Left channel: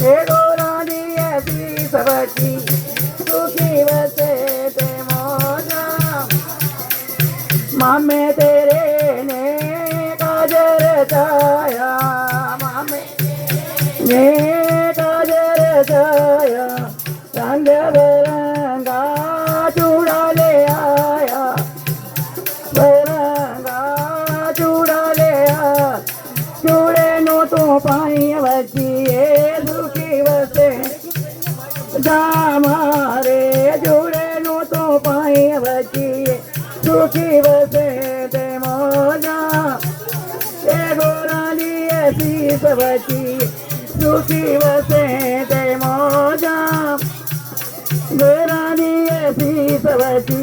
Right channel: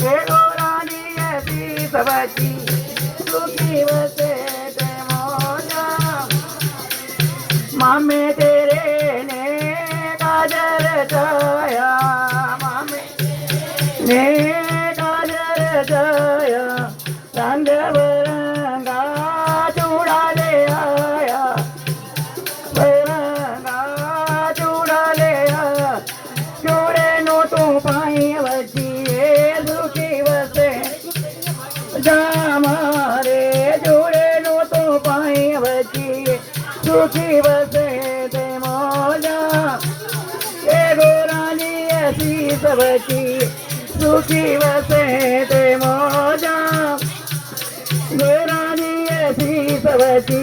हे गोरानी ऐसी सबकी सुखी वसे ते मौजा मामे तेरे ने काजर छाया मामे ने काजर छाया रंग बिरंगा चूड़ा ले आया बिरंगा चूड़ा ले आया चूड़े नु तू पाई वचिए दुखी वसे जा मारे चूड़े नु तू पाई वचिए दुखी वसे ते मौजा ए गोरानी ऐसी सबकी सुखी वसे ते मौजा गोरानी ऐसी सबकी